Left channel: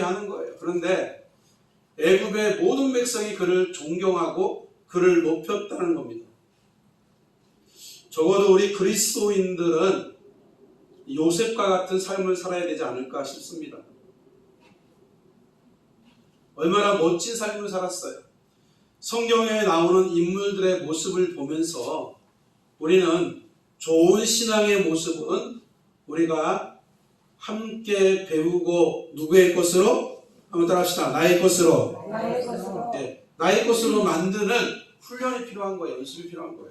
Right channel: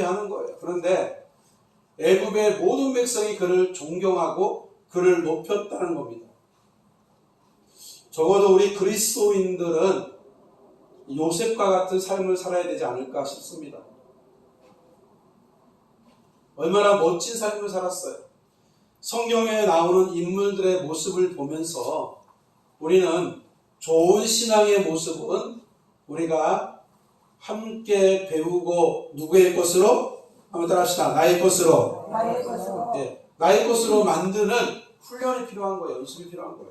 하는 거예요. 그런데 애굽의 모든 백성이 그를 존경하고 그를 높였다는 겁니다. 적어도 우리 그리스도인들은 요셉과 같은 삶을 살아야 되지 않을까 싶습니다. 얼마나 멋진 삶을 살았어요. 성경에 나오는 인물들의 모습을 보면서 우리는 좋은 신앙의 모습은 우리가 함께 배우고 누구의 것으로? 한번 따라합시다. 나의 것으로. 나의 것으로. 네, 나의 것으로 만드는 훈련이 필요한 거예요. 연습이 필요한 거예요.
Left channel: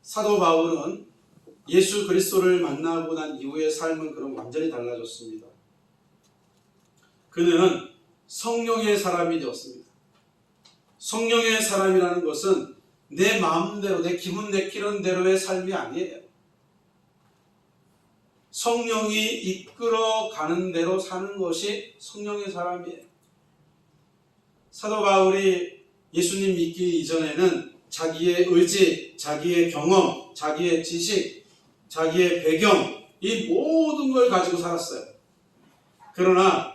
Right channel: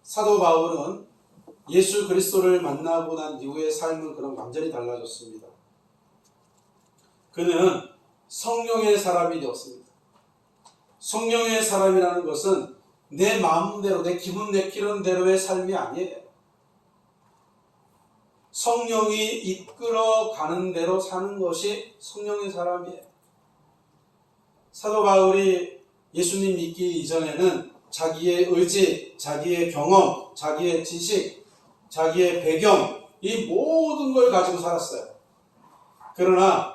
사도 바울은 예수 그리스도를 만나고 난 이후의 삶은 그럼 완전히 달라졌습니다. 그는 성령의 사람이 되었습니다. 성령의 사람이라는 것은 내 마음대로 내 기분 내키는 대로의 삶이 아니에요. 성령이 이끌어가는 대로 사는 것이 성령의 사람이에요. 사도 바울이 예수님 믿기 이전에는 자기의 의지, 자기의 경험, 자기의 지식, 자기의 배경, 이 모든 걸 가지고 살았어요. 그러나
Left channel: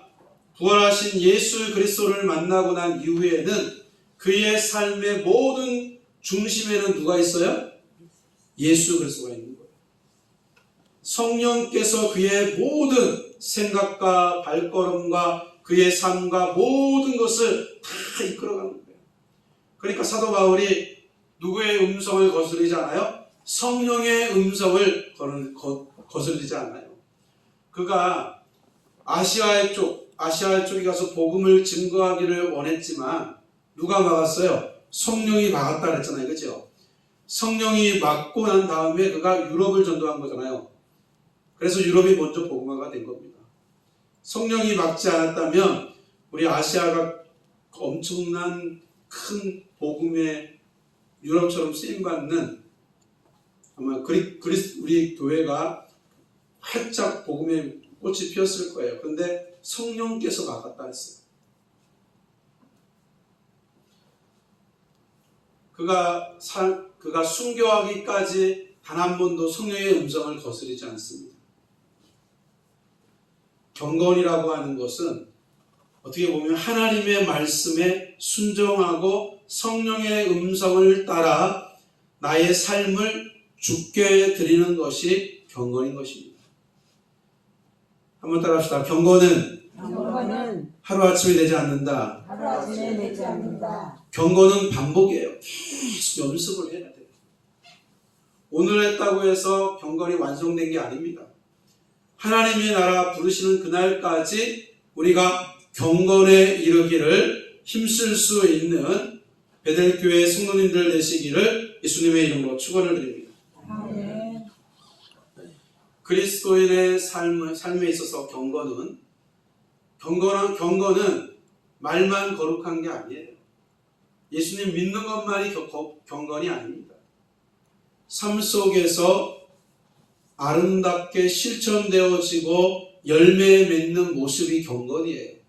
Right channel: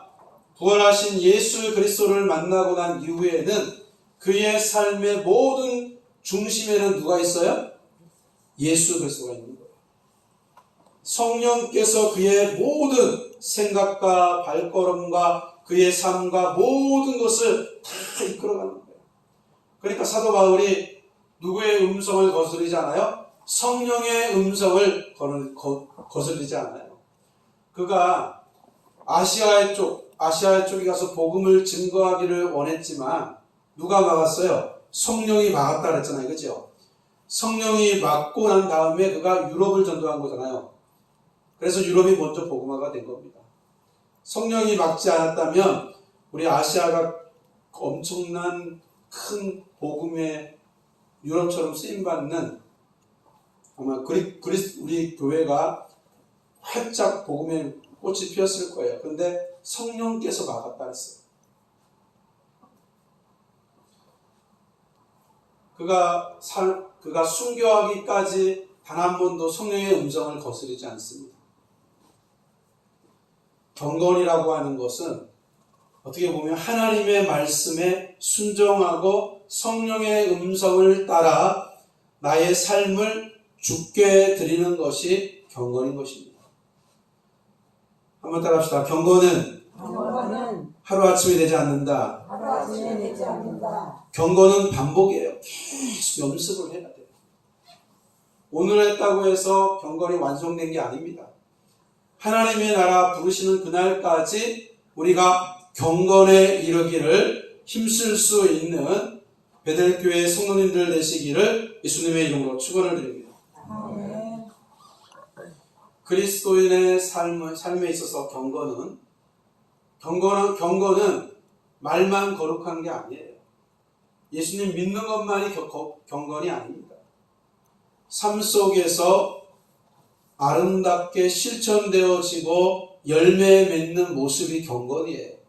부활하신 예수 그리스도를 만나고 난 이후에는 그의 삶의 모든 중심에는 누가 있어요? 예수 그리스도가 있는 거예요. 성령께서 그의 모든 생각과 발걸음과 그의 삶과 모든 것을 다 이끌어가는 거예요. 그러니까 사도 바울이 누구의 음성을 거스르지 않아요? 성령의 음성을 거스르지 않아요. 그가 아시아 쪽에 가서 복음을 증거하기를 원했지만 누가 막았어요? 성령이 막았다 그랬잖아요. 그죠? 성령이 막고 난 다음에 그가 유럽을 전도한 거잖아요. 그래서 유럽이 먼저 복음화가 된 겁니다. 성령이 막지 않았다면 우리 아시아가 엄청난 큰 복음의 유럽처럼 쓰임받는 아마 우리 교회가 활짝 복음의 꽃이 피었을 거예요. 그런데 성령께서 막았다 했어요. 그가 순교하기까지 단 한 번도 성령의 음성을 거스르지 않습니다. 경건이라고 하는 것은 어떻게 보면 하나님의 말씀에 순종하고 성령의 음성을 따라 나의 삶을 주께 드리는 것이 경건인 것입니다. 한번 따라합시다. 경건은 하루아침에 되지 않는다. 경건은 반복이에요. 계속 연습을 해야 돼요. 오늘 했다고 해서 경건이 완성된 게 아닙니다. 하나님의 나라 부르시는 그날까지 우리가 경건에 이르기를 힘쓸 수 있는 베델교회 성도님들 되시기를 예수님의 이름으로 축원을 드립니다. 그리스도인의 삶에 있어서 경건은 말만 거룩한 게 아니에요. 예수님 믿는 것만이 경건이 아닙니다. 삶 속에서 아름답게 실천되어지고 열매 맺는 모습이 경건이에요.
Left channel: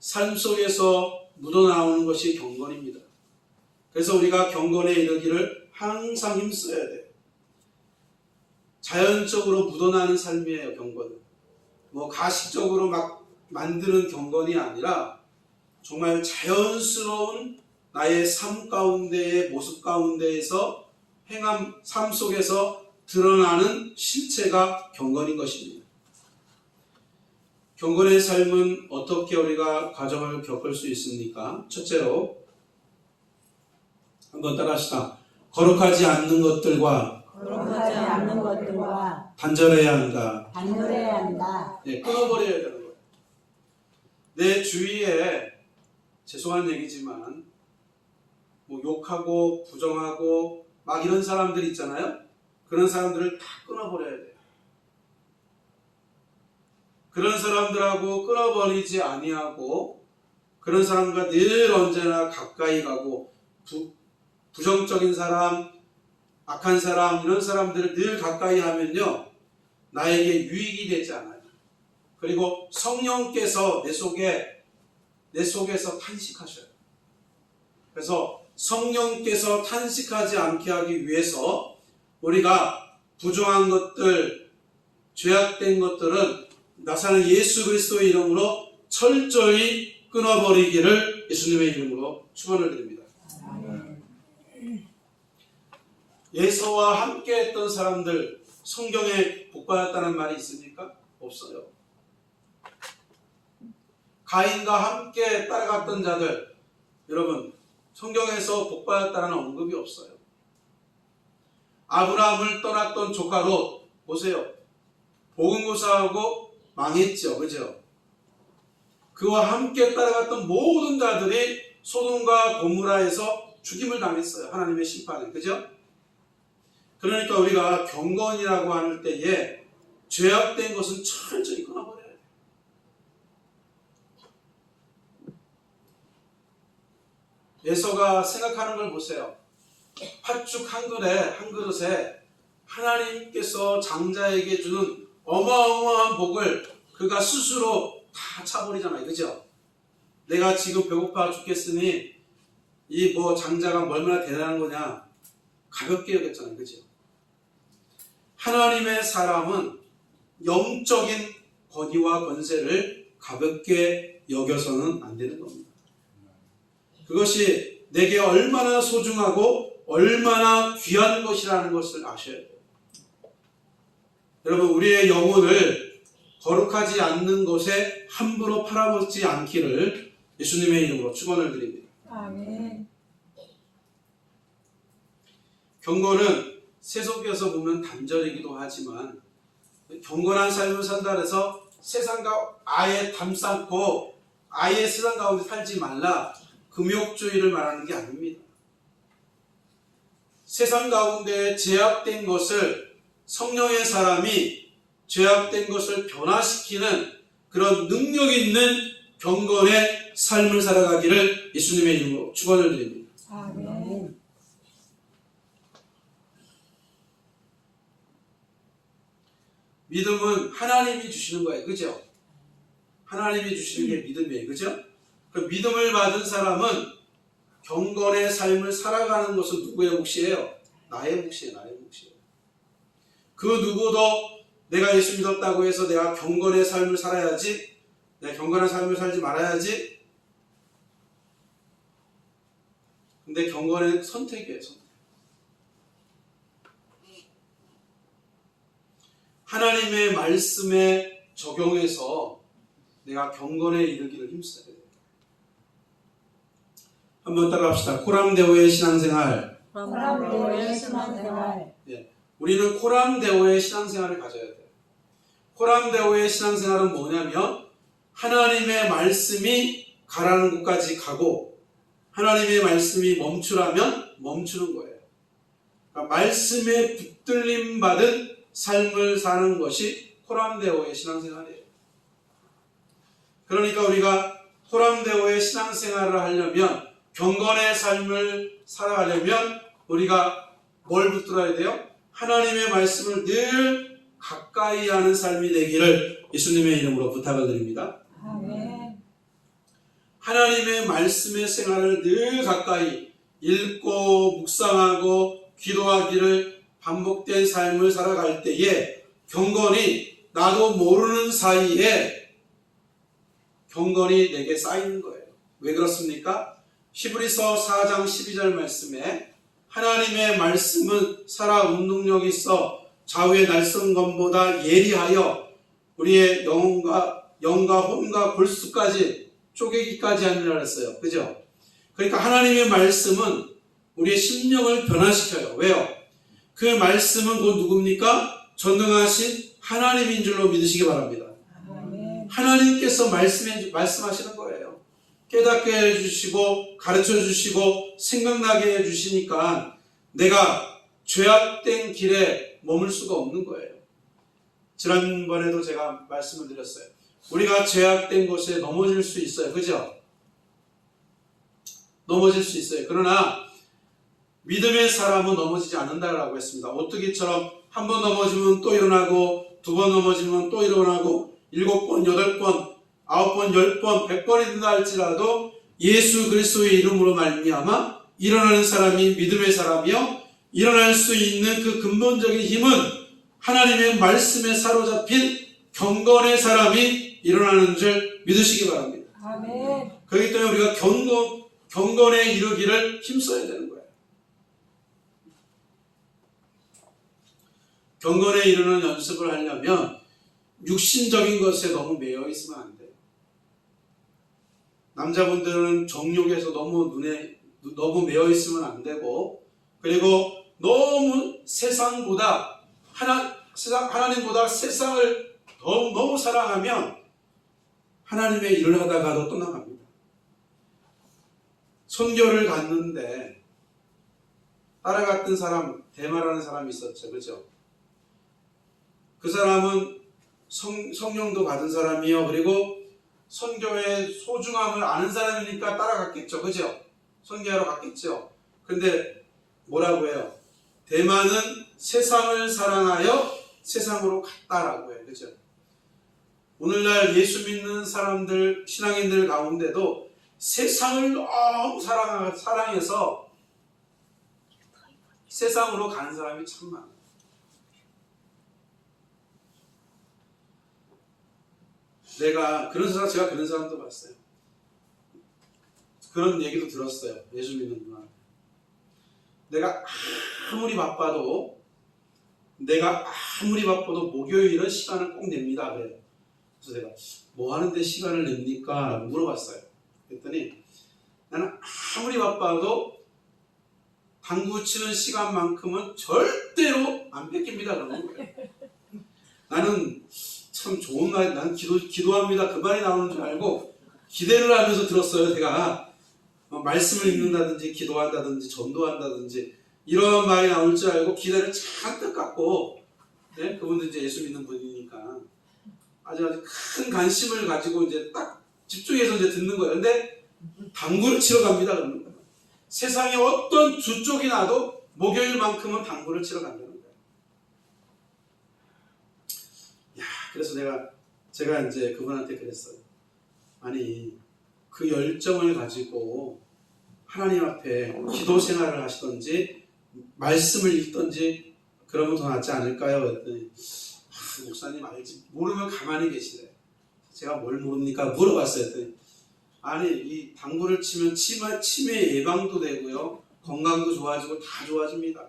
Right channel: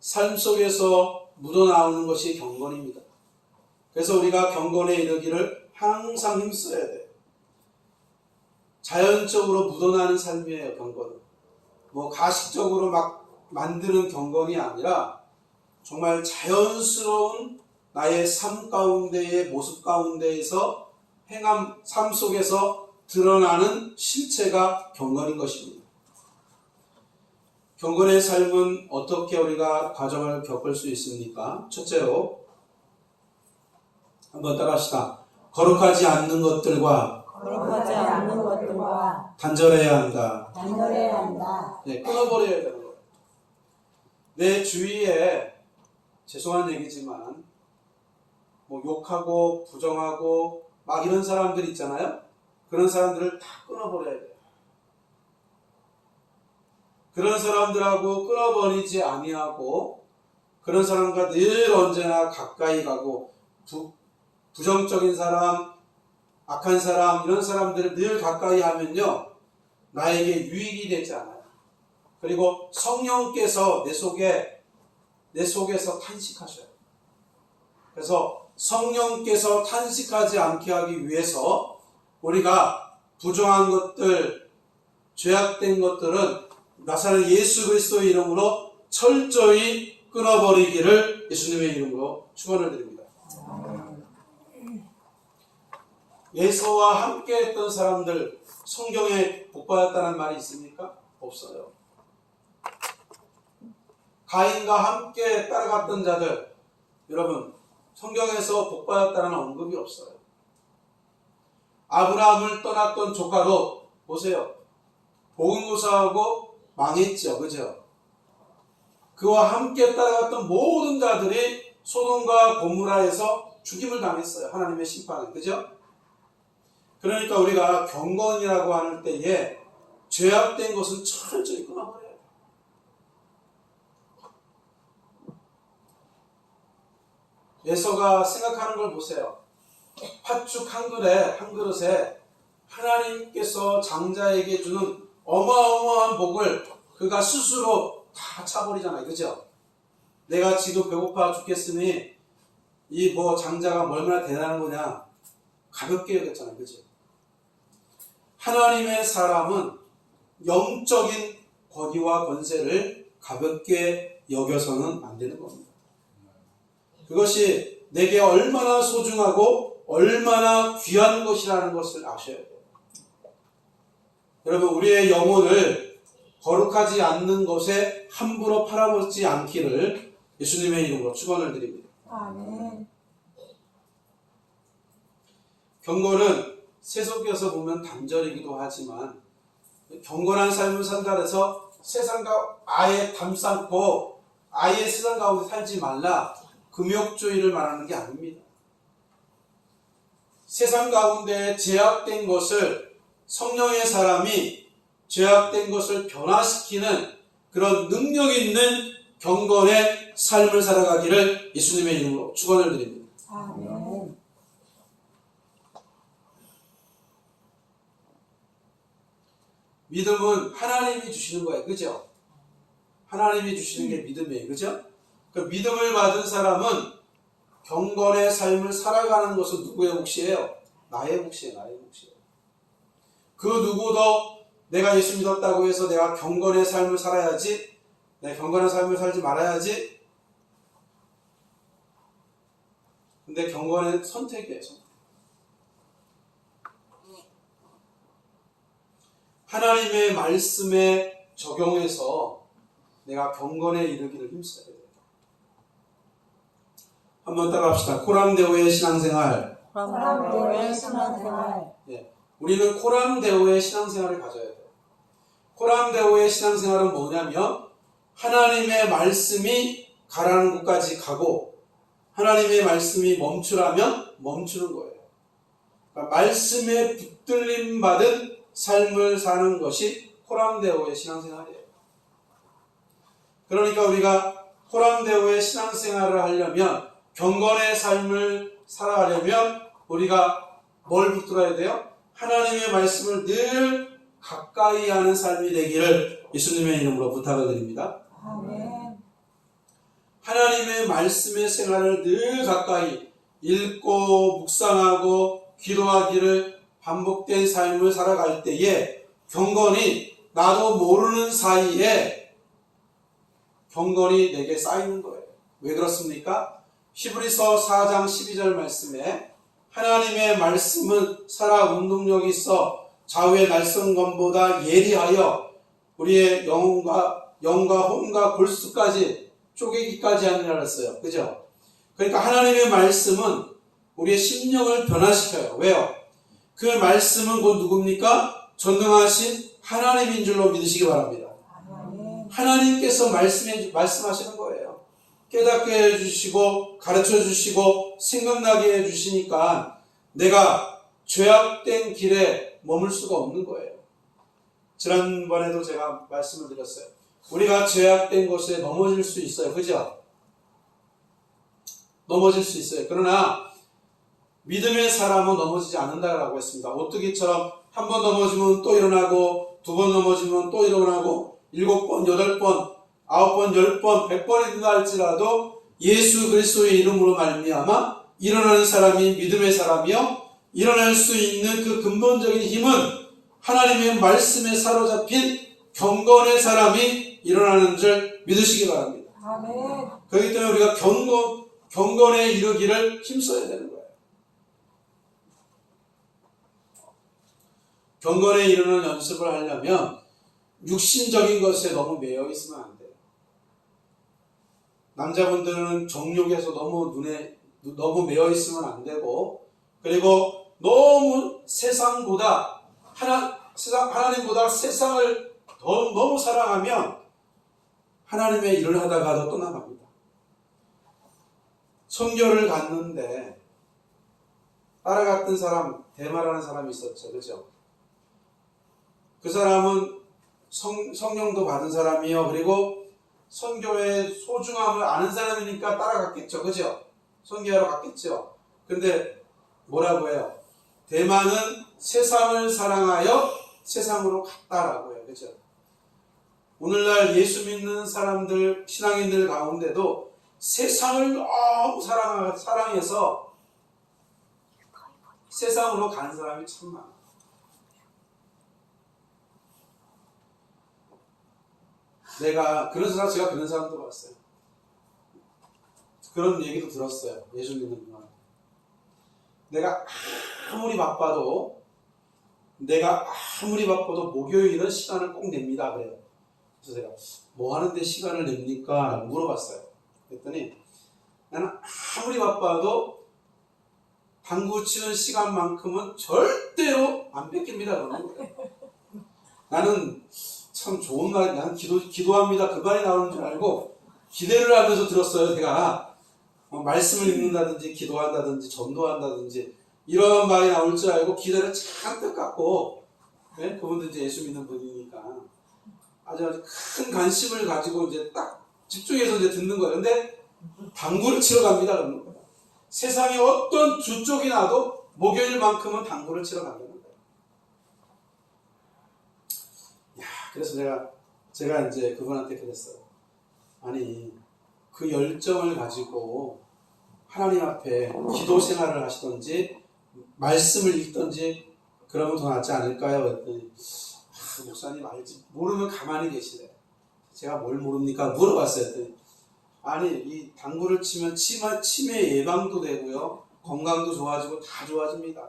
삶 속에서 묻어나오는 것이 경건입니다. 그래서 우리가 경건에 이르기를 항상 힘써야 돼요. 자연적으로 묻어나는 삶이에요. 경건은 가식적으로 막 만드는 경건이 아니라 정말 자연스러운 나의 삶 가운데의 모습 가운데에서 삶 속에서 드러나는 실체가 경건인 것입니다. 경건의 삶은 어떻게 우리가 과정을 겪을 수 있습니까? 첫째로 한번 따라합시다. 거룩하지 않는 것들과 단절해야 한다. 네, 끊어버려야 되는 거예요. 내 주위에 죄송한 얘기지만 욕하고 부정하고 막 이런 사람들 있잖아요. 그런 사람들을 다 끊어버려야 돼요. 그런 사람들하고 끊어버리지 아니하고 그런 사람과 늘 언제나 가까이 가고 부정적인 사람, 악한 사람 이런 사람들을 늘 가까이 하면요 나에게 유익이 되지 않아요. 그리고 성령께서 내 속에서 탄식하셔요. 그래서 성령께서 탄식하지 않게 하기 위해서 우리가 부정한 것들, 죄악된 것들은 나사는 예수 그리스도의 이름으로 철저히 끊어버리기를 예수님의 이름으로 축원을 드립니다. 예수와 함께 했던 사람들 성경에 복받았다는 말이 있습니까? 없어요. 가인과 함께 따라갔던 자들, 여러분 성경에서 복받았다는 언급이 없어요. 아브라함을 떠났던 조카 롯 보세요. 복음고사하고 망했죠. 그죠? 그와 함께 따라갔던 모든 자들이 소돔과 고모라에서 죽임을 당했어요. 하나님의 심판에. 그죠? 그러니까 우리가 경건이라고 할 때에 죄악된 것은 철저히 끊어버려요. 예서가 생각하는 걸 보세요. 팥죽 한 그릇에 하나님께서 장자에게 주는 어마어마한 복을 그가 스스로 다 차버리잖아요. 그죠? 내가 지금 배고파 죽겠으니 이 장자가 얼마나 대단한 거냐 가볍게 여겼잖아요. 그죠? 하나님의 사람은 영적인 권위와 권세를 가볍게 여겨서는 안 되는 겁니다. 그것이 내게 얼마나 소중하고 얼마나 귀한 것이라는 것을 아셔야 돼요. 여러분, 우리의 영혼을 거룩하지 않는 것에 함부로 팔아먹지 않기를 예수님의 이름으로 축원을 드립니다. 아멘. 경건은 세속에서 보면 단절이기도 하지만 경건한 삶을 산다 해서 세상과 아예 담쌓고 아예 세상 가운데 살지 말라, 금욕주의를 말하는 게 아닙니다. 세상 가운데 죄악된 것을 성령의 사람이 죄악된 것을 변화시키는 그런 능력 있는 경건의 삶을 살아가기를 예수님의 이름으로 축원을 드립니다. 아멘. 믿음은 하나님이 주시는 거예요. 그죠? 하나님이 주시는 게 믿음이에요. 그죠? 그 믿음을 받은 사람은 경건의 삶을 살아가는 것은 누구의 몫이에요? 나의 몫이에요. 나의 몫이에요. 그 누구도 내가 예수 믿었다고 해서 내가 경건의 삶을 살아야지, 내가 경건한 삶을 살지 말아야지. 근데 경건의 선택이에요. 선택. 하나님의 말씀에 적용해서 내가 경건에 이르기를 힘써야 돼요. 한번 따라합시다. 코람데오의 신앙생활. 코람데오의 신앙생활. 우리는 코람데오의 신앙생활을 가져야 돼요. 코람데오의 신앙생활은 뭐냐면 하나님의 말씀이 가라는 곳까지 가고 하나님의 말씀이 멈추라면 멈추는 거예요. 그러니까 말씀에 붙들림 받은 삶을 사는 것이 코람데오의 신앙생활이에요. 그러니까 우리가 코람데오의 신앙생활을 하려면, 경건의 삶을 살아가려면 우리가 뭘 붙들어야 돼요? 하나님의 말씀을 늘 가까이 하는 삶이 되기를 예수님의 이름으로 부탁을 드립니다. 아멘. 하나님의 말씀의 생활을 늘 가까이 읽고 묵상하고 기도하기를 반복된 삶을 살아갈 때에 경건이 나도 모르는 사이에 경건이 내게 쌓이는 거예요. 왜 그렇습니까? 히브리서 4장 12절 말씀에 하나님의 말씀은 살아 운동력이 있어 좌우의 날성검보다 예리하여 우리의 영과 혼과 골수까지 쪼개기까지 하느라 그랬어요. 그죠? 그러니까 하나님의 말씀은 우리의 심령을 변화시켜요. 왜요? 그 말씀은 곧 누굽니까? 전능하신 하나님인 줄로 믿으시기 바랍니다. 아멘. 하나님께서 말씀하시는 거예요. 깨닫게 해주시고 가르쳐 주시고 생각나게 해주시니까 내가 죄악된 길에 머물 수가 없는 거예요. 지난번에도 제가 말씀을 드렸어요. 우리가 죄악된 곳에 넘어질 수 있어요. 그죠? 넘어질 수 있어요. 그러나 믿음의 사람은 넘어지지 않는다라고 했습니다. 오뚜기처럼 한 번 넘어지면 또 일어나고, 두 번 넘어지면 또 일어나고, 7번, 8번, 9번, 10번, 100번이 된다 할지라도 예수 그리스도의 이름으로 말미암아 일어나는 사람이 믿음의 사람이요, 일어날 수 있는 그 근본적인 힘은 하나님의 말씀에 사로잡힌 경건의 사람이 일어나는 줄 믿으시기 바랍니다. 아멘. 그렇기 때문에 우리가 경건에 이르기를 힘써야 되는 거예요. 경건에 이르는 연습을 하려면 육신적인 것에 너무 매여 있으면 안 돼요. 남자분들은 정욕에서 너무 매여 있으면 안 되고, 그리고 너무 하나님보다 세상을 너무 사랑하면 하나님의 일을 하다가도 떠나갑니다. 선교를 갔는데 따라갔던 사람, 대마라는 사람이 있었죠. 그죠? 그 사람은 성령도 받은 사람이요. 그리고 선교의 소중함을 아는 사람이니까 따라갔겠죠. 그죠? 선교하러 갔겠죠. 근데 뭐라고 해요? 대만은 세상을 사랑하여 세상으로 갔다라고 해요. 그죠? 오늘날 예수 믿는 사람들, 신앙인들 가운데도 세상을 너무 사랑해서 세상으로 가는 사람이 참 많아요. 제가 그런 사람도 봤어요. 그런 얘기도 들었어요. 예수 믿는 누나. 내가 아무리 바빠도 목요일은 시간을 꼭 냅니다. 그래요. 그래서 제가 뭐 하는데 시간을 냅니까? 라고 물어봤어요. 그랬더니 나는 아무리 바빠도 당구 치는 시간만큼은 절대로 안 뺏깁니다. 그러는 거예요. 나는 참 좋은 말, 난 기도합니다. 그 말이 나오는 줄 알고 기대를 하면서 들었어요. 제가 말씀을 읽는다든지 기도한다든지 전도한다든지 이런 말이 나올 줄 알고 기대를 잔뜩 갖고, 네? 그분도 이제 예수 믿는 분이니까 아주 큰 관심을 가지고 이제 딱 집중해서 이제 듣는 거예요. 근데 당구를 치러 갑니다. 그러는 거예요. 세상에 어떤 주쪽이 나도 목요일만큼은 당구를 치러 간다는 거예요. 그래서 제가 이제 그분한테 그랬어요. 아니, 그 열정을 가지고 하나님 앞에 기도 생활을 하시던지 말씀을 읽던지 그러면 더 낫지 않을까요? 그랬더니 목사님 알지, 모르면 가만히 계시래. 제가 뭘 모릅니까? 물어봤어요. 그랬더니 아니, 이 당구를 치면 치매 예방도 되고요, 건강도 좋아지고 다 좋아집니다.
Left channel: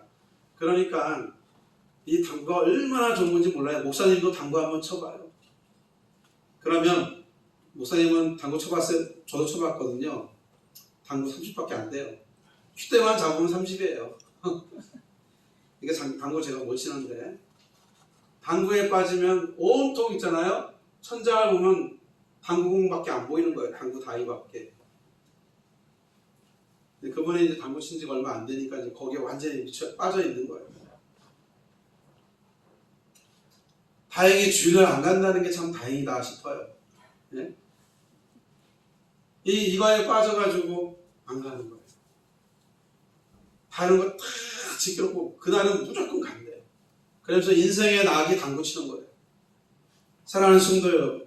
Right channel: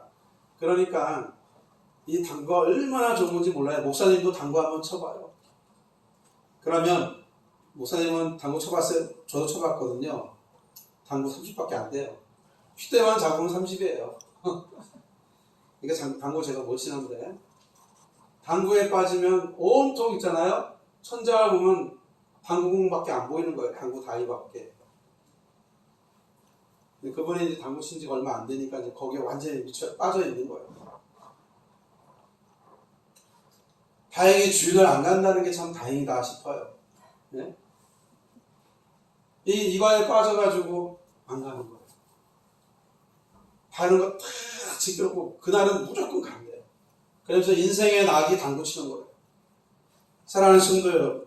그러니까 이 당구가 얼마나 좋은 건지 몰라요. 목사님도 당구 한번 쳐봐요. 그러면 목사님은 당구 쳐봤어요? 저도 쳐봤거든요. 당구 30밖에 안 돼요. 휴대만 잡으면 30이에요. 이게 당구 제가 못 치는데, 당구에 빠지면 온통 있잖아요. 천장을 보면 당구공밖에 안 보이는 거예요. 당구 다이밖에. 그분이 이제 당구 친 지가 얼마 안 되니까 이제 거기에 완전히 빠져 있는 거예요. 다행히 주일날 안 간다는 게 참 다행이다 싶어요. 네? 이거에 빠져가지고 안 가는 거예요. 다른 거 다 지켜놓고 그날은 무조건 간대요. 그래서 인생의 낙이 당구 치는 거예요. 사랑하는 성도 여러분,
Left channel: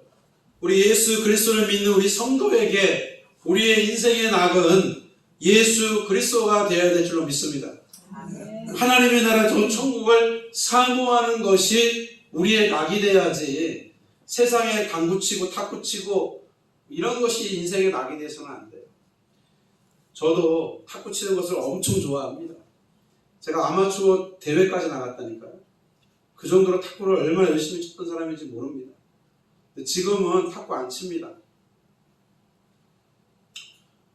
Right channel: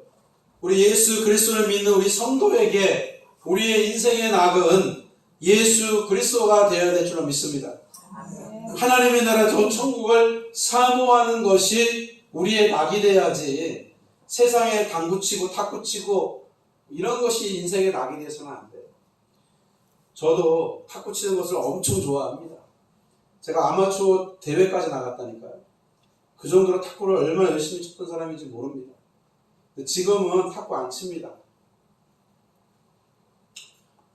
우리 예수 그리스도를 믿는 우리 성도에게 우리의 인생의 낙은 예수 그리스도가 되어야 될 줄로 믿습니다. 하나님의 나라 저 천국을 사모하는 것이 우리의 낙이 돼야지, 세상에 당구치고 탁구치고 이런 것이 인생의 낙이 돼서는 안 돼요. 저도 탁구치는 것을 엄청 좋아합니다. 제가 아마추어 대회까지 나갔다니까요. 그 정도로 탁구를 얼마나 열심히 쳤던 사람인지 모릅니다. 근데 지금은 탁구 안 칩니다.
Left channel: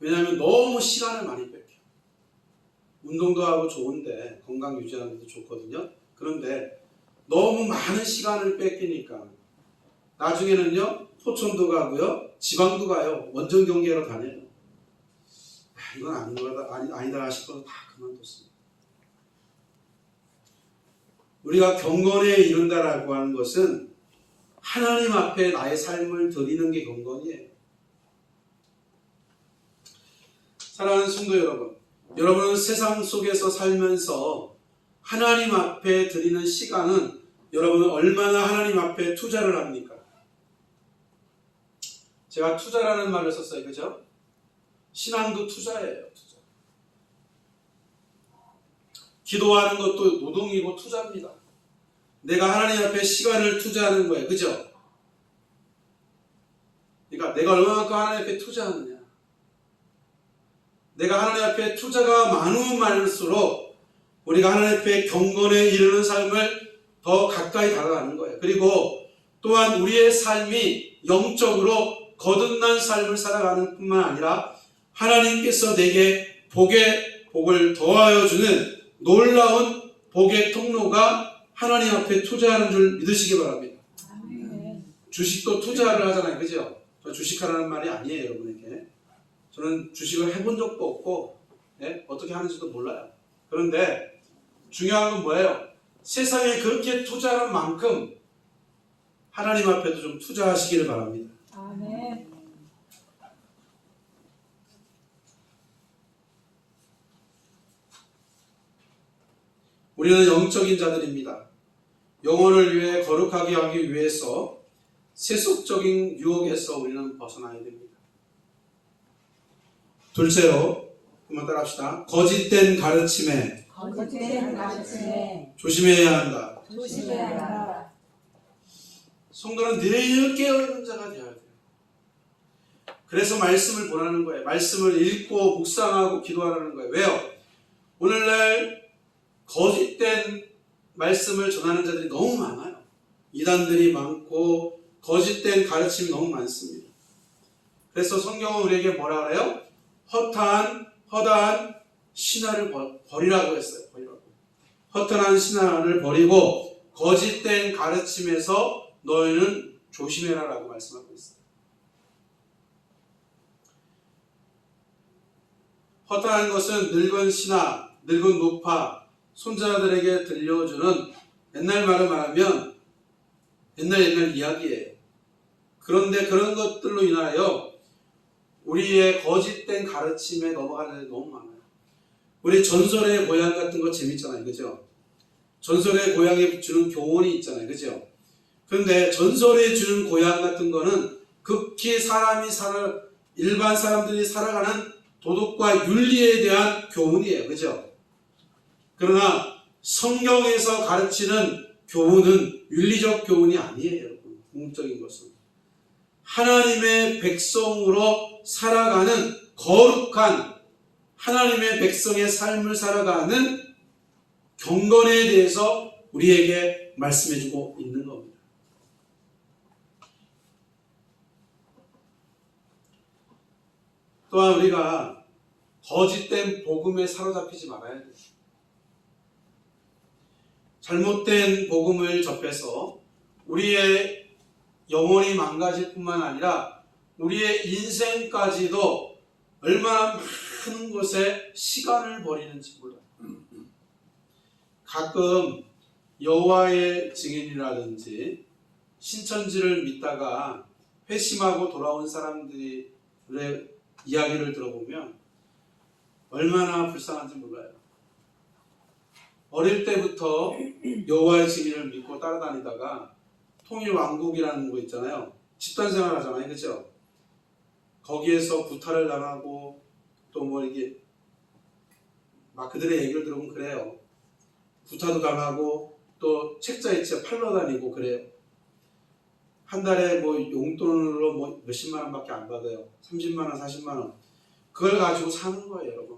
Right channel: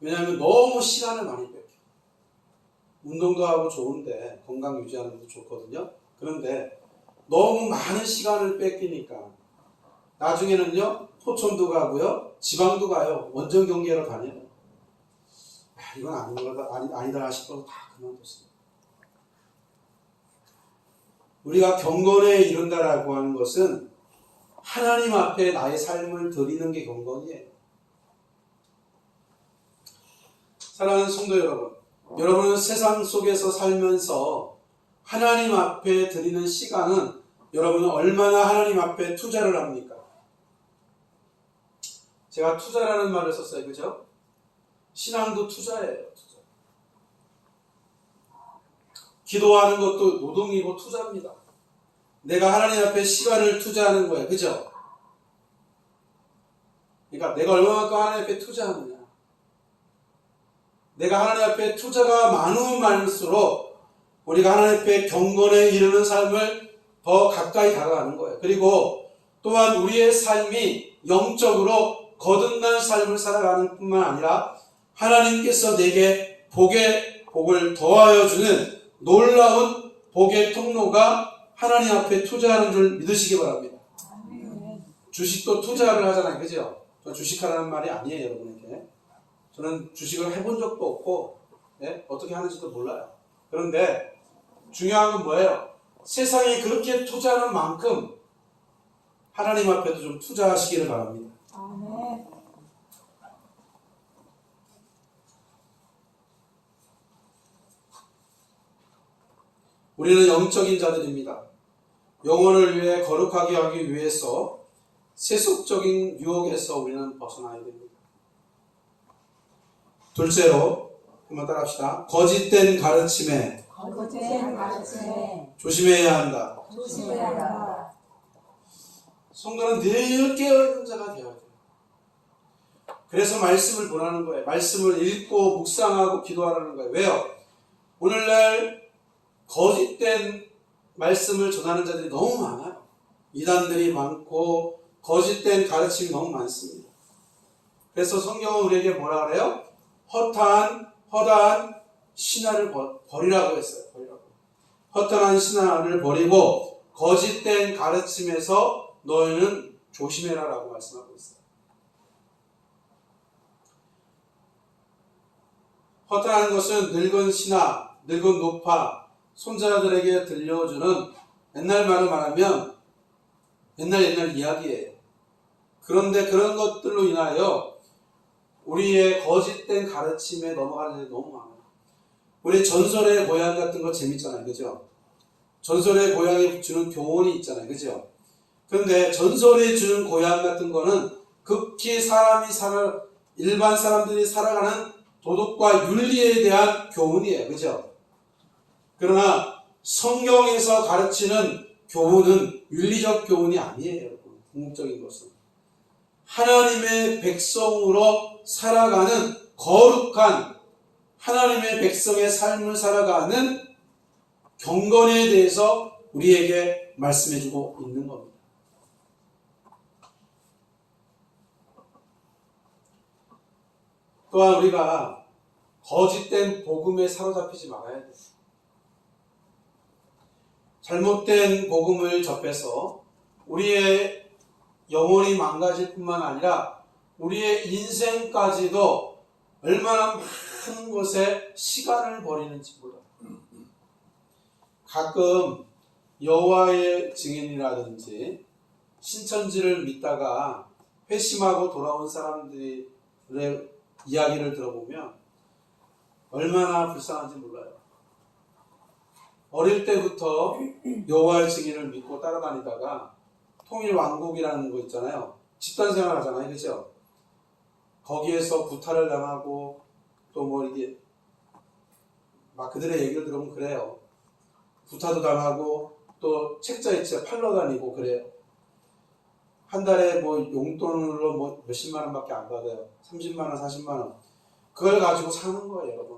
왜냐하면 너무 시간을 많이 뺏겨. 운동도 하고 좋은데, 건강 유지하는 것도 좋거든요. 그런데 너무 많은 시간을 뺏기니까 나중에는요, 포천도 가고요, 지방도 가요, 원정 경기하러 다녀요. 이건 아니다 싶어서 다 그만뒀습니다. 우리가 경건에 이른다라고 하는 것은 하나님 앞에 나의 삶을 드리는 게 경건이에요. 사랑하는 성도 여러분, 여러분은 세상 속에서 살면서 하나님 앞에 드리는 시간은 여러분은 얼마나 하나님 앞에 투자를 합니까? 제가 투자라는 말을 썼어요. 그죠? 신앙도 투자예요. 투자. 기도하는 것도 노동이고 투자입니다. 내가 하나님 앞에 시간을 투자하는 거예요. 그죠? 그러니까 내가 얼마만큼 하나님 앞에 투자하느냐. 내가 하나님 앞에 투자가 많으면 많을수록 우리가 하나님 앞에 경건에 이르는 삶을 더 가까이 다가가는 거예요. 그리고 또한 우리의 삶이 영적으로 거듭난 삶을 살아가는 뿐만 아니라 하나님께서 내게 복을 더하여 주는 놀라운 복의 통로가 하나님 앞에 투자하는 줄 믿으시기 바랍니다. 아멘. 주식도 투자를 하잖아요. 그죠? 저 주식하라는 말이 아니에요, 여러분에게. 저는 주식을 해본 적도 없고, 어떻게 하는지도 몰라요. 그런데 중요한 건 뭐예요? 세상에 그렇게 투자하는 만큼 하나님 앞에도 좀 투자하시기를 바랍니다. 아멘. 우리는 영적인 자들입니다. 영혼을 위해 거룩하게 하기 위해서 세속적인 유혹에서 우리는 벗어나야 됩니다. 둘째로, 한번 따라합시다. 거짓된 가르침에 거짓된 가르침에 조심해야 한다. 조심해야 한다. 성도는 늘 깨어있는 자가 되어야 돼요. 그래서 말씀을 보라는 거예요. 말씀을 읽고 묵상하고 기도하라는 거예요. 왜요? 오늘날 거짓된 말씀을 전하는 자들이 너무 많아요. 이단들이 많고 거짓된 가르침이 너무 많습니다. 그래서 성경은 우리에게 뭐라 그래요? 허다한 신화를 버리라고 했어요. 허탄한 신화를 버리고 거짓된 가르침에서 너희는 조심해라라고 말씀하고 있어요. 허탄한 것은 늙은 신화, 늙은 노파, 손자들에게 들려주는 옛날 말을 말하면 옛날 이야기예요. 그런데 그런 것들로 인하여 우리의 거짓된 가르침에 넘어가는 일이 너무 많아요. 우리 전설의 고향 같은 거 재밌잖아요. 그죠? 전설의 고향에 주는 교훈이 있잖아요. 그죠? 그런데 전설에 주는 고향 같은 거는 극히 일반 사람들이 살아가는 도덕과 윤리에 대한 교훈이에요. 그죠? 그러나 성경에서 가르치는 교훈은 윤리적 교훈이 아니에요. 궁극적인 것은 하나님의 백성으로 살아가는 거룩한 하나님의 백성의 삶을 살아가는 경건에 대해서 우리에게 말씀해주고 있는 겁니다. 또한 우리가 거짓된 복음에 사로잡히지 말아야 돼요. 잘못된 복음을 접해서 우리의 영혼이 망가질 뿐만 아니라 우리의 인생까지도 얼마나 많은 곳에 시간을 버리는지 몰라요. 가끔 여호와의 증인이라든지 신천지를 믿다가 회심하고 돌아온 사람들의 이야기를 들어보면 얼마나 불쌍한지 몰라요. 어릴 때부터 여호와의 증인을 믿고 따라다니다가 통일왕국이라는 거 있잖아요. 집단생활 하잖아요. 그죠? 거기에서 구타를 당하고 또 뭐 이게 막 그들의 얘기를 들어보면 그래요. 구타도 당하고 또 책자 있죠. 팔러 다니고 그래요. 한 달에 뭐 용돈으로 뭐 몇십만 원밖에 안 받아요. 30만 원, 40만 원. 그걸 가지고 사는 거예요, 여러분.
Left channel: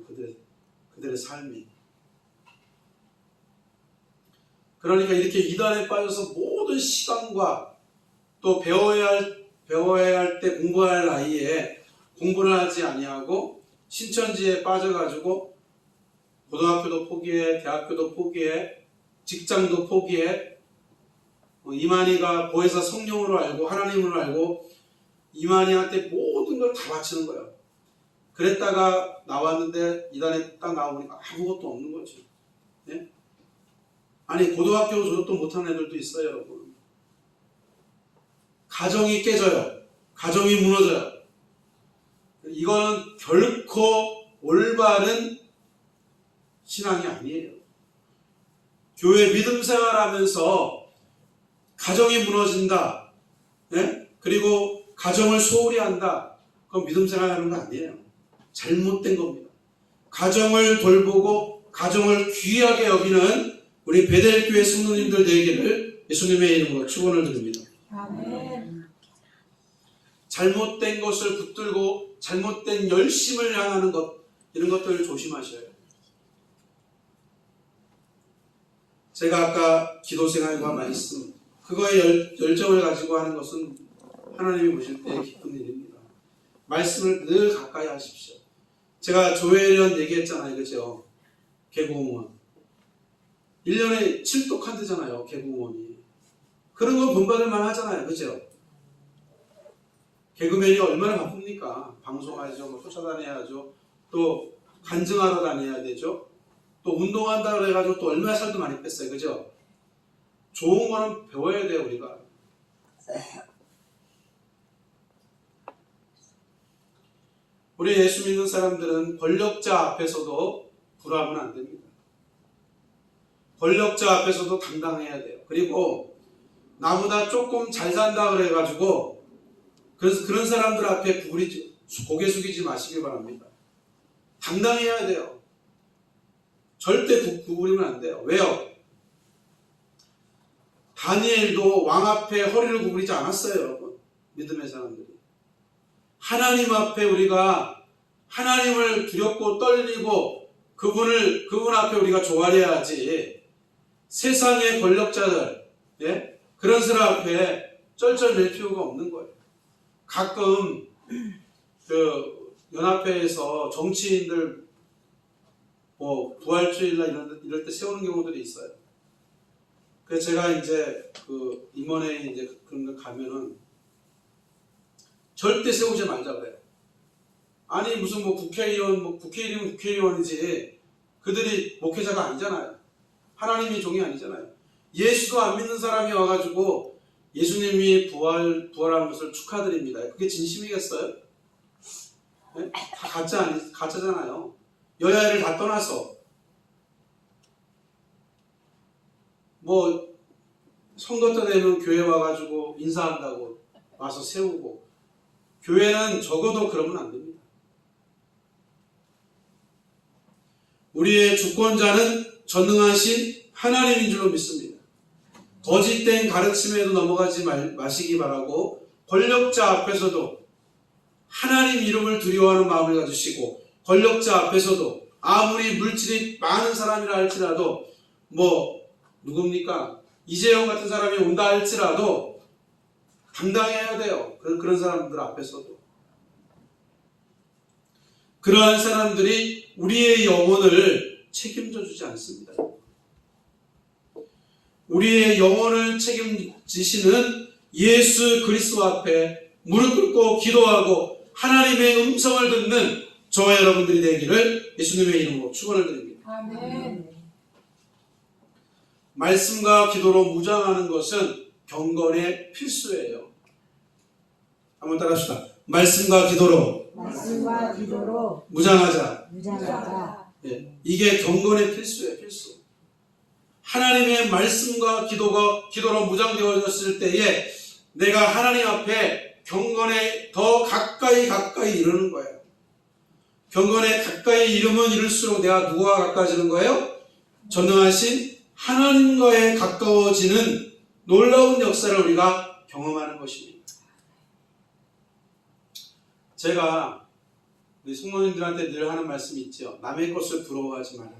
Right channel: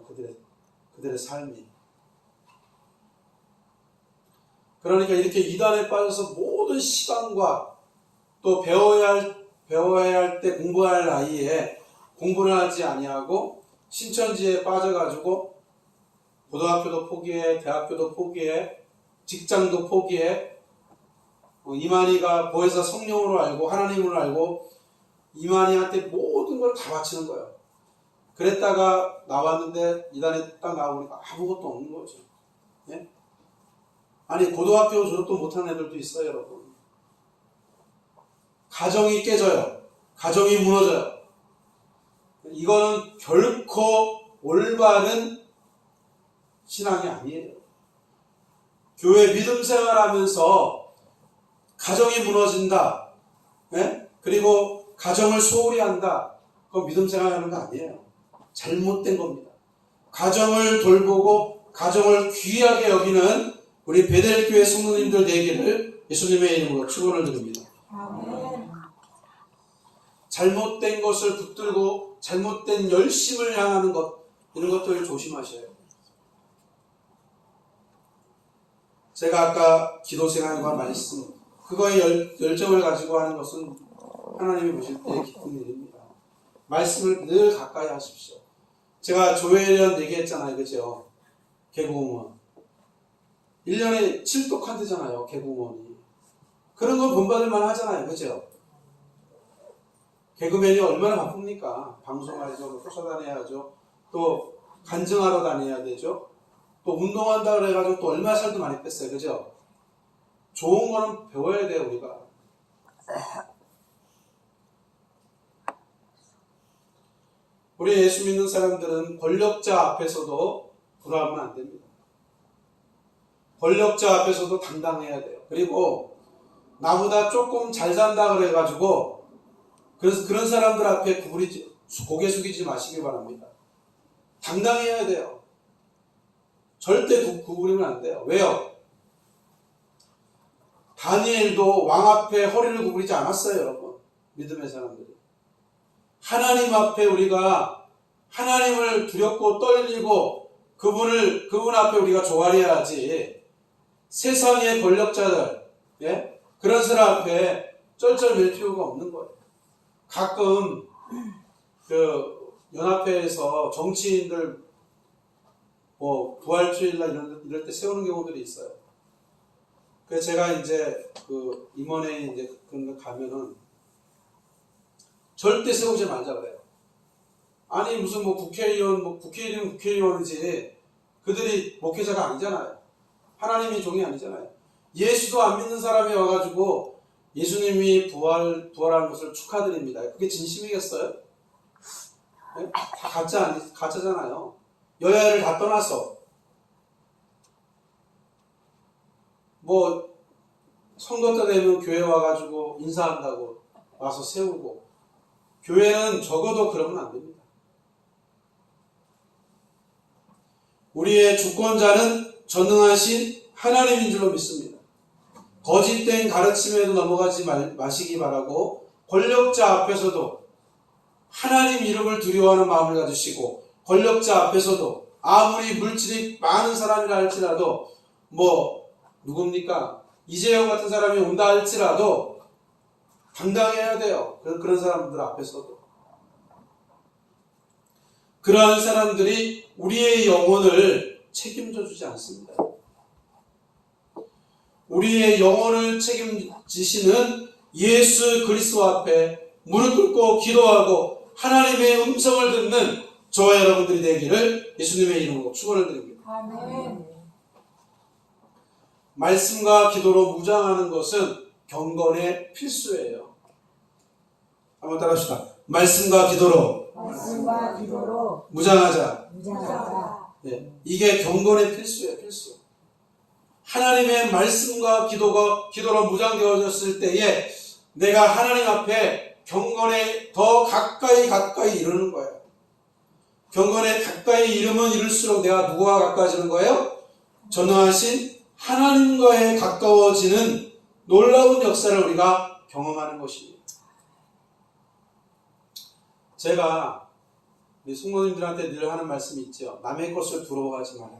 그들의 삶이. 그러니까 이렇게 이단에 빠져서 모든 시간과 또 배워야 할 때 공부할 나이에 공부를 하지 아니하고 신천지에 빠져가지고 고등학교도 포기해, 대학교도 포기해, 직장도 포기해. 이만희가 보혜사 성령으로 알고 하나님으로 알고 이만희한테 모든 걸 다 바치는 거예요. 그랬다가 나왔는데 이단에 딱 나오니까 아무것도 없는 거죠. 네? 아니 고등학교 졸업도 못하는 애들도 있어요, 여러분. 가정이 깨져요. 가정이 무너져요. 이거는 결코 올바른 신앙이 아니에요. 교회 믿음 생활하면서 가정이 무너진다. 네? 그리고 가정을 소홀히 한다. 그건 믿음 생활하는 거 아니에요. 잘못된 겁니다. 가정을 돌보고 가정을 귀하게 여기는 우리 베델교회 성도님들 되기를 예수님의 이름으로 축원을 드립니다. 아멘. 잘못된 것을 붙들고 잘못된 열심을 향하는 것, 이런 것들을 조심하셔요. 제가 아까 기도생활과 말씀, 그거에 열정을 가지고 하는 것은 하나님이 보실 때 기쁜 일입니다. 말씀을 늘 가까이 하십시오. 제가 조혜련 얘기했잖아요. 그죠? 개그우먼 1년에 7독 한대잖아요. 개그우먼이. 그런 건 본받을만 하잖아요. 그죠? 개그맨이 얼마나 바쁩니까? 방송하죠, 쫓아다녀야죠, 또 간증하러 다녀야 되죠, 또 운동한다 그래가지고 또 얼마나 살도 많이 뺐어요. 그죠? 좋은 거는 배워야 돼요. 우리가. 우리 예수 믿는 사람들은 권력자 앞에서도 불화하면 안 됩니다. 권력자 앞에서도 당당해야 돼요. 그리고 나보다 조금 잘 산다 그래가지고 그래서 그런 사람들 앞에 고개 숙이지 마시기 바랍니다. 당당해야 돼요. 절대 구부리면 안 돼요. 왜요? 다니엘도 왕 앞에 허리를 구부리지 않았어요. 여러분. 믿음의 사람들이. 하나님 앞에 우리가 하나님을 두렵고 떨리고 그분 앞에 우리가 조아려야지, 세상의 권력자들, 예? 그런 사람 앞에 쩔쩔맬 필요가 없는 거예요. 가끔 그 연합회에서 정치인들 뭐 부활주일날 이럴 때 세우는 경우들이 있어요. 그래서 제가 이제 그 임원회에 이제 그런 거 가면은 절대 세우지 말자 그래요. 아니 무슨 뭐 국회의원, 뭐 국회의원이면 국회의원이지 그들이 목회자가 아니잖아요. 하나님이 종이 아니잖아요. 예수도 안 믿는 사람이 와가지고 예수님이 부활한 것을 축하드립니다. 그게 진심이겠어요? 네? 다 가짜잖아요. 여야를 다 떠나서 뭐 선거 때 되면 교회 와가지고 인사한다고 와서 세우고, 교회는 적어도 그러면 안 됩니다. 우리의 주권자는 전능하신 하나님인 줄로 믿습니다. 거짓된 가르침에도 넘어가지 마시기 바라고, 권력자 앞에서도 하나님 이름을 두려워하는 마음을 가지시고, 권력자 앞에서도 아무리 물질이 많은 사람이라 할지라도 뭐 누굽니까? 이재용 같은 사람이 온다 할지라도 당당해야 돼요. 그런 사람들 앞에서도. 그러한 사람들이 우리의 영혼을 책임져 주지 않습니다. 우리의 영혼을 책임지시는 예수 그리스도 앞에 무릎 꿇고 기도하고 하나님의 음성을 듣는 저와 여러분들이 되기를 예수님의 이름으로 축원을 드립니다. 아멘. 말씀과 기도로 무장하는 것은 경건의 필수예요. 한번 따라합시다. 말씀과 기도로 무장하자. 예, 이게 경건의 필수예요. 필수. 하나님의 말씀과 기도로 무장되어졌을 때에 내가 하나님 앞에 경건에 더 가까이 이르는 거예요. 경건에 가까이 이르면 이룰수록 내가 누구와 가까워지는 거예요? 전능하신 하나님과에 가까워지는 놀라운 역사를 우리가 경험하는 것입니다. 제가 우리 성도님들한테 늘 하는 말씀이 있죠. 남의 것을 부러워하지 마라.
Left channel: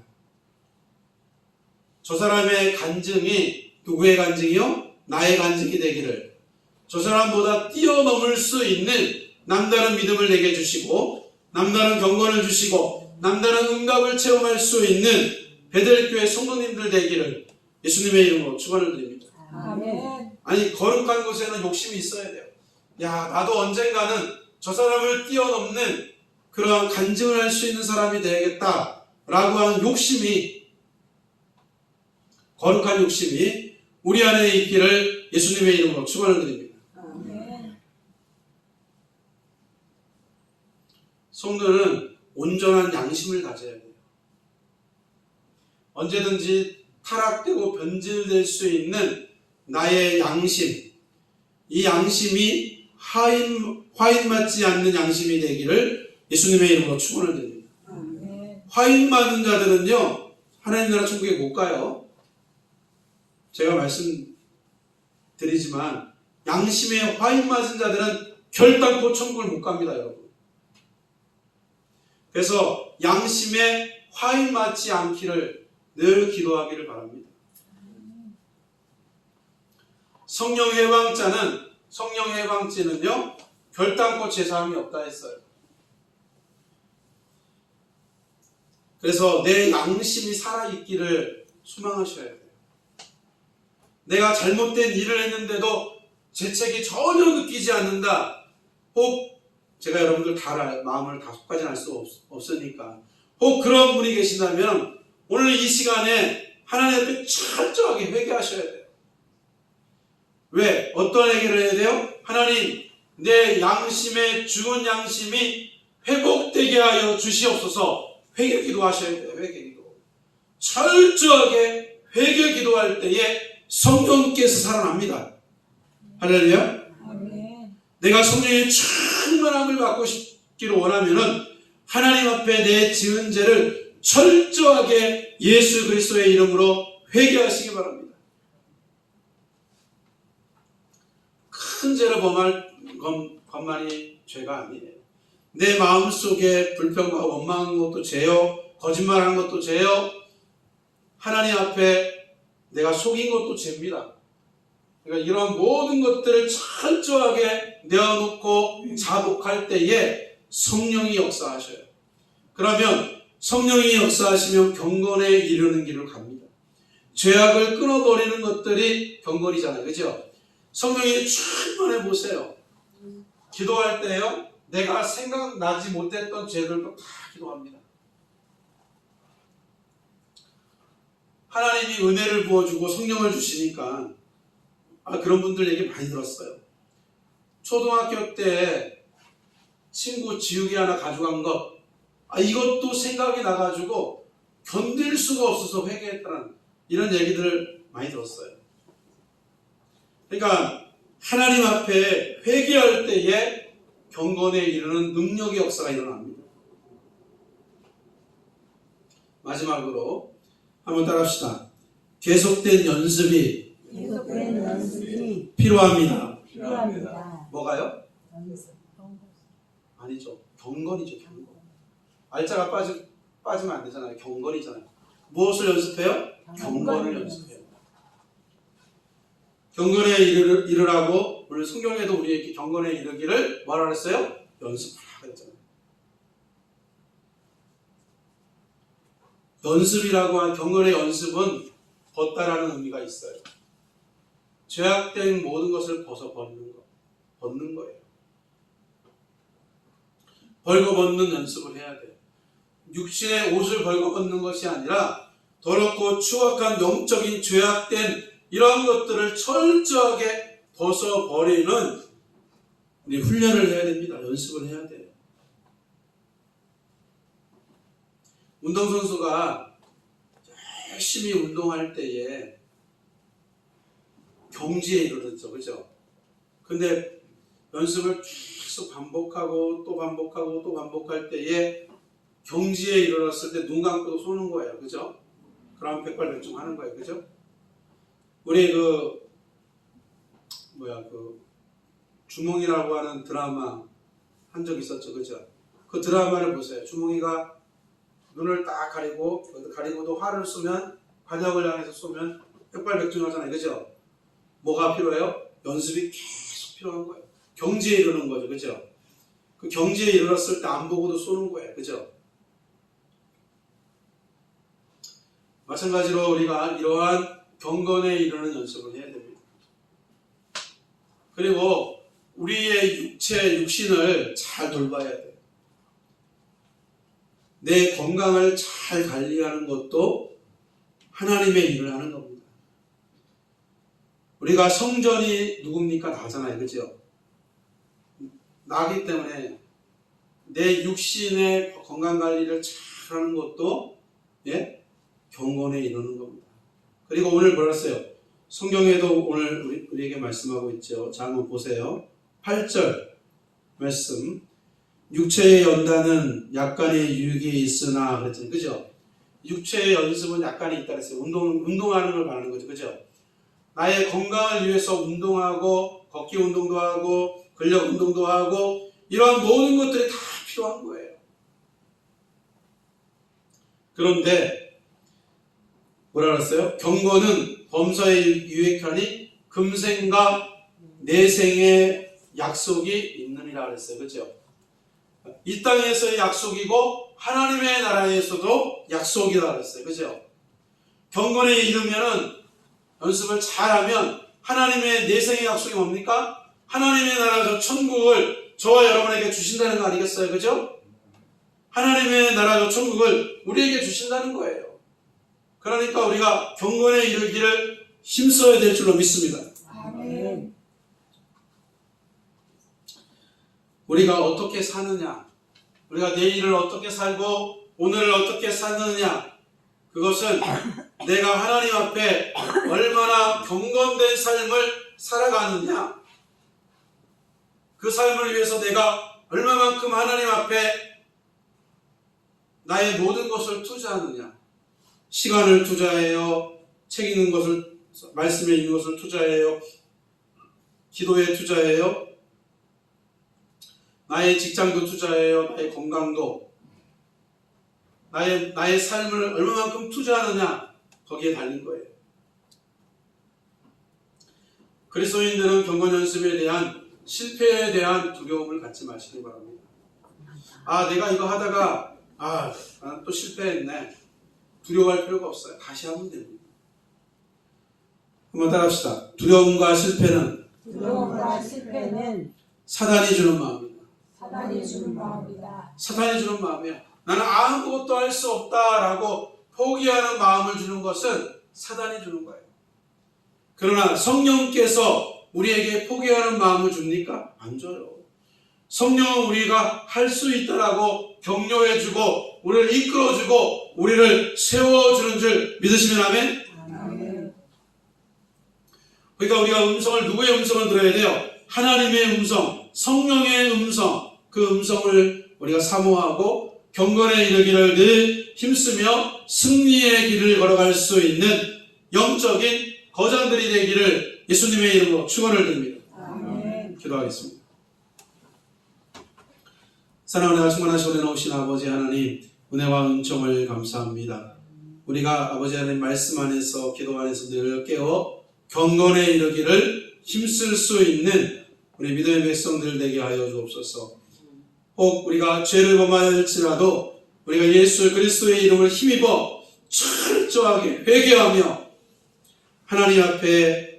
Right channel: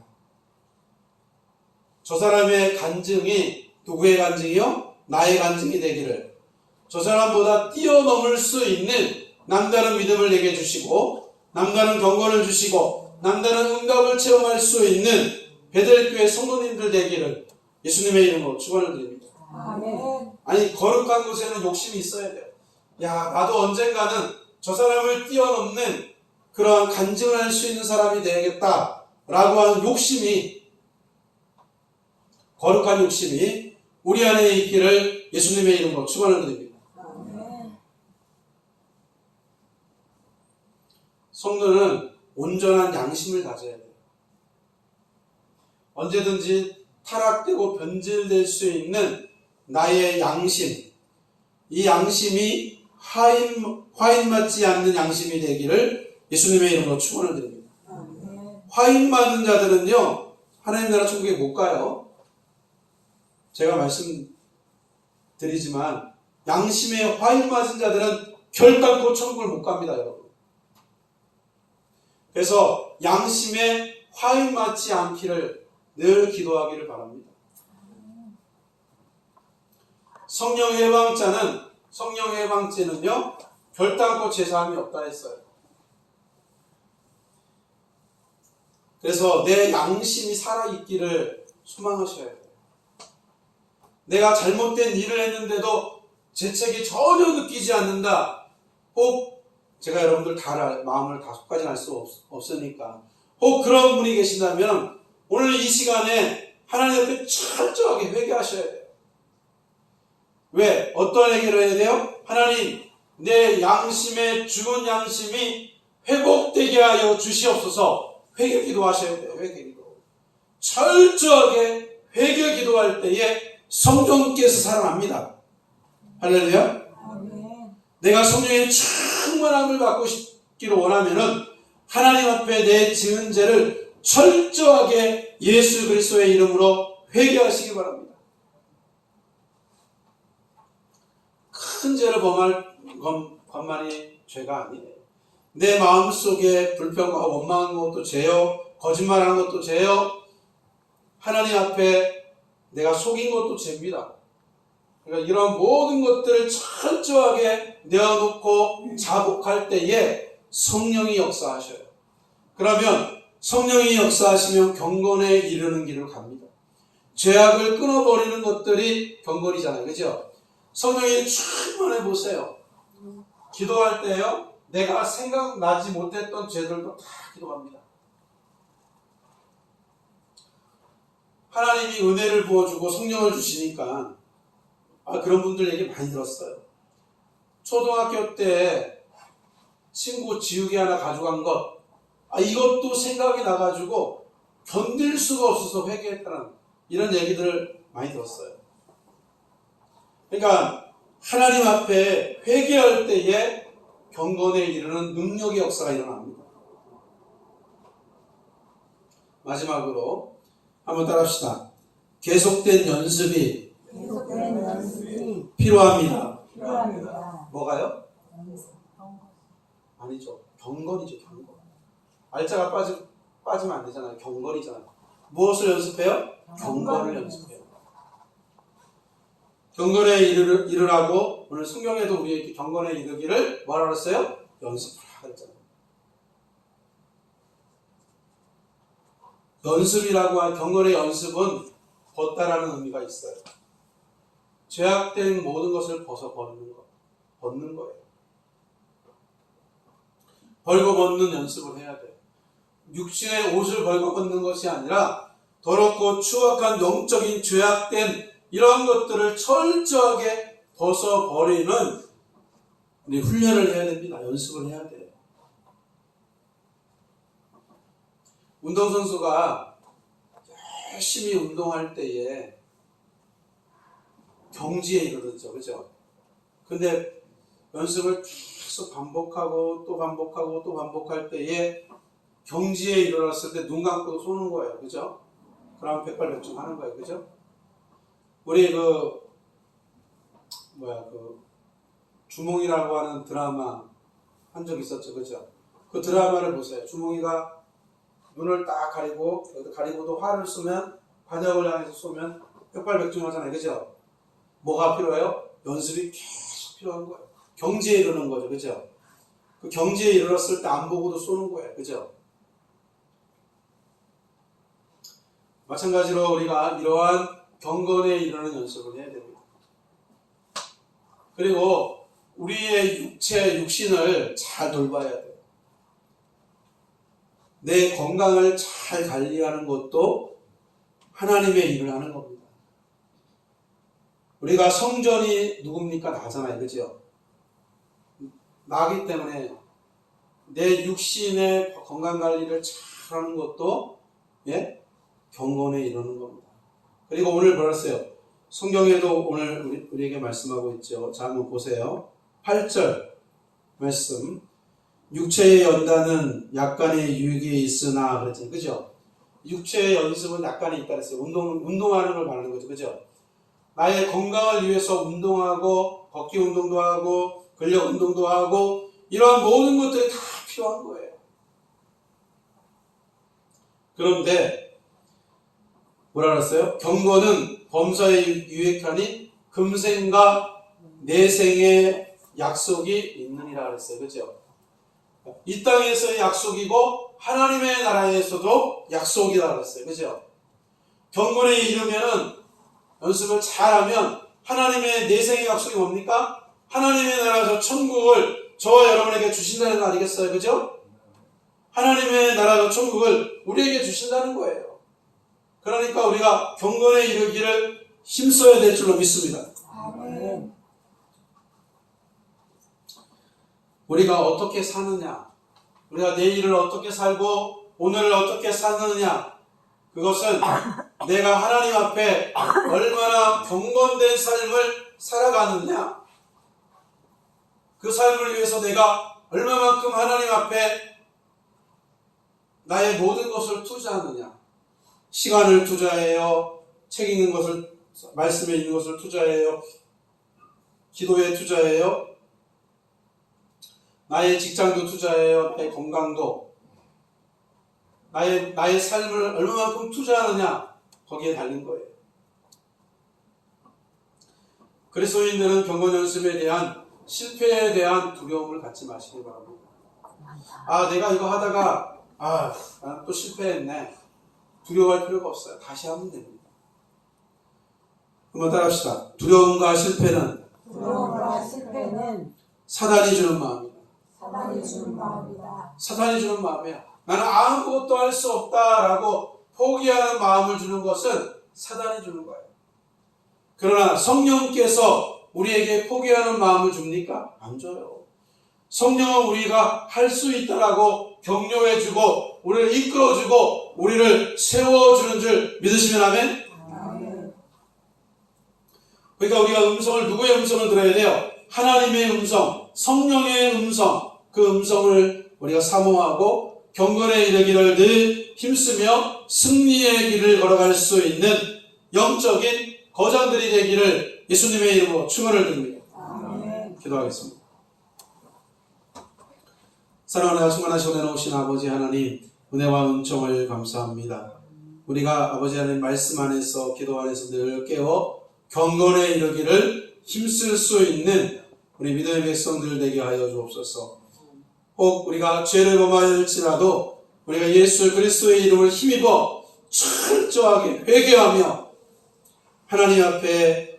저 사람의 간증이 누구의 간증이요? 나의 간증이 되기를, 저 사람보다 뛰어넘을 수 있는 남다른 믿음을 내게 주시고, 남다른 경건을 주시고, 남다른 응답을 체험할 수 있는 베델교회 성도님들 되기를 예수님의 이름으로 축원을 드립니다. 아멘. 아니, 거룩한 것에는 욕심이 있어야 돼요. 야, 나도 언젠가는 저 사람을 뛰어넘는 그러한 간증을 할 수 있는 사람이 되야겠다라고 하는 욕심이, 거룩한 욕심이 우리 안에 있기를 예수님의 이름으로 축원을 드립니다. 아멘. 성도는 온전한 양심을 가져야 돼요. 언제든지 타락되고 변질될 수 있는 나의 양심, 이 양심이 화인 맞지 않는 양심이 되기를 예수님의 이름으로 축원을 드립니다. 아멘. 화인 맞는 자들은요, 하나님 나라 천국에 못 가요. 제가 말씀드리지만 양심에 화인 맞은 자들은 결단코 천국을 못 갑니다, 여러분. 그래서 양심에 화인 맞지 않기를 늘 기도하기를 바랍니다. 성령 해방죄는요 결단코 제사함이 없다 했어요. 그래서 내 양심이 살아있기를 소망하셔야 돼요. 내가 잘못된 일을 했는데도 죄책이 전혀 느끼지 않는다. 혹 제가 여러분들 마음을 다속까지 알 수 없으니까 혹 그런 분이 계신다면 오늘 이 시간에 하나님 앞에 철저하게 회개하셔야 돼요. 왜? 어떤 회개를 해야 돼요? 하나님, 내 양심의 죽은 양심이 회복되게 하여 주시옵소서. 회개 기도하셔야 돼요. 회개 기도. 철저하게 회개 기도할 때에 성령께서 살아납니다. 할렐루야. 아멘. 내가 성령의 충만함을 받고 싶기를 원하면은 하나님 앞에 내 지은 죄를 철저하게 예수 그리스도의 이름으로 회개하시기 바랍니다. 큰 죄를 범할 것만이 죄가 아니에요. 내 마음속에 불평과 원망한 것도 죄요, 거짓말한 것도 죄요, 하나님 앞에 내가 속인 것도 죄입니다. 그러니까 이런 모든 것들을 철저하게 내어놓고 자복할 때에 성령이 역사하셔요. 그러면 성령이 역사하시면 경건에 이르는 길을 갑니다. 죄악을 끊어버리는 것들이 경건이잖아요. 그죠? 성령이 충만해 보세요. 기도할 때요, 내가 생각나지 못했던 죄들도 다 기도합니다. 하나님이 은혜를 부어주고 성령을 주시니까 그런 분들 얘기 많이 들었어요. 초등학교 때 친구 지우개 하나 가져간 것, 이것도 생각이 나가지고 견딜 수가 없어서 회개했다는 이런 얘기들을 많이 들었어요. 그러니까 하나님 앞에 회개할 때에 경건에 이르는 능력의 역사가 일어납니다. 마지막으로 한번 따라합시다. 계속된 연습이 필요합니다. 뭐가요? 아니죠. 경건이죠. 경건. 알자가 빠지면 안 되잖아요. 경건이잖아요. 무엇을 연습해요? 경건을 연습해요. 경건에 이르라고 오늘 성경에도 우리에게 경건에 이르기를 뭐라 그랬어요? 연습하라 그랬잖아요. 연습이라고 한 경건의 연습은 벗다라는 의미가 있어요. 죄악된 모든 것을 벗는 거예요. 벌거벗는 연습을 해야 돼요. 육신의 옷을 벌거벗는 것이 아니라 더럽고 추악한 영적인 죄악된 이런 것들을 철저하게 벗어버리는 훈련을 해야 됩니다. 연습을 해야 돼요. 운동선수가 열심히 운동할 때에 경지에 이르렀죠. 그죠? 근데 연습을 계속 반복하고 또 반복하고 또 반복할 때에 경지에 이르렀을 때 눈 감고도 쏘는 거예요. 그죠? 그럼 백발백중 하는 거예요. 그죠? 우리 주몽이라고 하는 드라마 한 적 있었죠. 그죠? 그 드라마를 보세요. 주몽이가 눈을 딱 가리고도 활을 쏘면, 반역을 향해서 쏘면 백발백중 하잖아요. 그죠? 뭐가 필요해요? 연습이 계속 필요한 거예요. 경지에 이르는 거죠. 그죠? 그 경지에 이르렀을 때 안 보고도 쏘는 거예요. 그죠? 마찬가지로 우리가 이러한 경건에 이르는 연습을 해야 됩니다. 그리고 우리의 육신을 잘 돌봐야 돼요. 내 건강을 잘 관리하는 것도 하나님의 일을 하는 겁니다. 우리가 성전이 누굽니까? 나잖아요. 그죠? 나기 때문에 내 육신의 건강관리를 잘 하는 것도 경건에 이르는 겁니다. 그리고 오늘 뭐랬어요? 성경에도 오늘 우리에게 말씀하고 있죠. 자, 한번 보세요. 8절 말씀. 육체의 연단은 약간의 유익이 있으나 그랬잖아요. 그죠? 육체의 연습은 약간의 있다 그랬어요. 운동하는 걸 말하는 거죠. 그죠? 나의 건강을 위해서 운동하고, 걷기 운동도 하고, 근력 운동도 하고, 이런 모든 것들이 다 필요한 거예요. 그런데, 뭐라 그랬어요? 경건은 범사에 유익하니 금생과 내생의 약속이 있느니라 그랬어요. 그죠? 이 땅에서의 약속이고, 하나님의 나라에서도 약속이다 그랬어요. 그죠? 경건에 이르면은, 연습을 잘하면, 하나님의 내생의 약속이 뭡니까? 하나님의 나라, 저 천국을 저와 여러분에게 주신다는 거 아니겠어요? 그죠? 하나님의 나라, 저 천국을 우리에게 주신다는 거예요. 그러니까 우리가 경건에 이르기를 힘써야 될 줄로 믿습니다. 아멘. 우리가 어떻게 사느냐, 우리가 내일을 어떻게 살고 오늘을 어떻게 사느냐, 그것은 내가 하나님 앞에 얼마나 경건된 삶을 살아가느냐, 그 삶을 위해서 내가 얼마만큼 하나님 앞에 나의 모든 것을 투자하느냐, 시간을 투자해요, 책 읽는 것을, 말씀에 있는 것을 투자해요, 기도에 투자해요, 나의 직장도 투자해요, 나의 건강도, 나의 삶을 얼마만큼 투자하느냐, 거기에 달린 거예요. 그리스도인들은 경건 연습에 대한 실패에 대한 두려움을 갖지 마시기 바랍니다. 내가 이거 하다가 또 실패했네. 두려워할 필요가 없어요. 다시 하면 됩니다. 한번 따라합시다. 두려움과 실패는 사단이 주는 마음입니다. 사단이 주는 마음이야. 나는 아무것도 할 수 없다라고 포기하는 마음을 주는 것은 사단이 주는 거예요. 그러나 성령께서 우리에게 포기하는 마음을 줍니까? 안 줘요. 성령은 우리가 할 수 있다라고 격려해주고 우리를 이끌어주고 우리를 세워주는 줄 믿으시면 아멘? 그러니까 우리가 누구의 음성을 들어야 돼요? 하나님의 음성, 성령의 음성, 그 음성을 우리가 사모하고 경건에 이르기를 늘 힘쓰며 승리의 길을 걸어갈 수 있는 영적인 거장들이 되기를 예수님의 이름으로 축원을 드립니다. 아멘. 기도하겠습니다. 사랑하는 충만하시고 내놓으신 아버지 하나님, 은혜와 은총을 감사합니다. 우리가 아버지 하나님 말씀 안에서, 기도 안에서 늘 깨어 경건에 이르기를 힘쓸 수 있는 우리 믿음의 백성들 되게 하여 주옵소서. 혹 우리가 죄를 범하였을지라도 우리가 예수 그리스도의 이름을 힘입어 철저하게 회개하며 하나님 앞에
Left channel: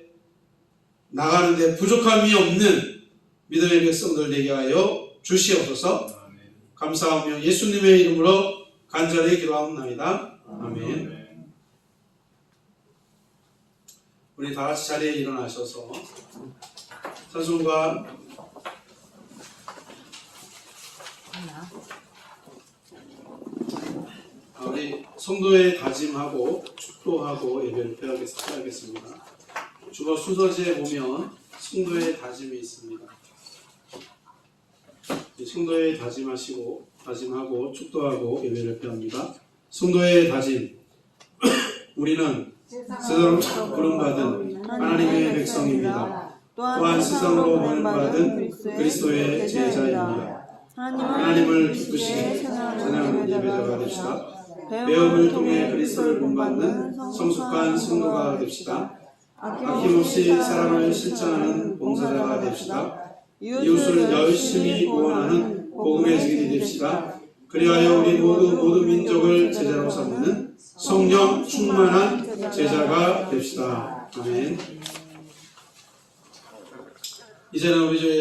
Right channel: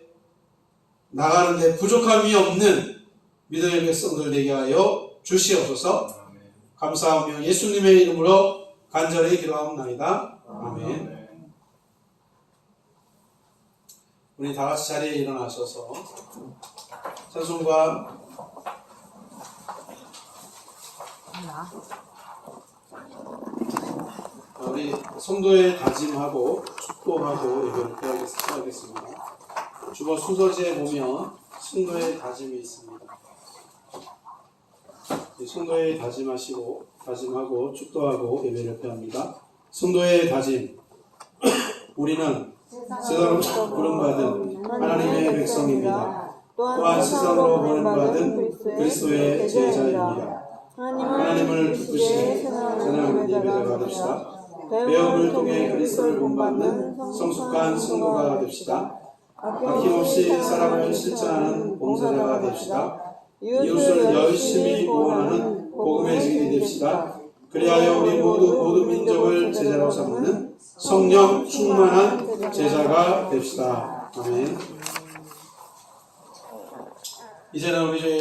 나가는데 부족함이 없는 믿음의 백성들 되게 하여 주시옵소서. 감사하며 예수님의 이름으로 간절히 기도하옵나이다. 아멘. 우리 다 같이 자리에 일어나셔서 찬송가 우리 성도의 다짐하고 축도하고 예배를 펴야겠습니다. 주보 순서지에 보면 성도의 다짐이 있습니다. 성도의 다짐하고 축도하고 예배를 펴합니다. 성도의 다짐. 우리는 세상으로 부름받은 하나님의 백성입니다. 또한 세상으로 부름받은 그리스도의 제자입니다. 하나님을 기쁘시게 찬양하는 예배자가 됩시다. 배움을 통해 그리스도를 본받는 성숙한 성도가 됩시다. 아낌없이 사랑을 실천하는 봉사자가 됩시다. 이웃을 열심히 구원하는 복음의 증인이 됩시다. 그리하여 우리 모든 민족을 제자로 삼는 성령 충만한 제자가 됩시다. 아멘. 이제는 우리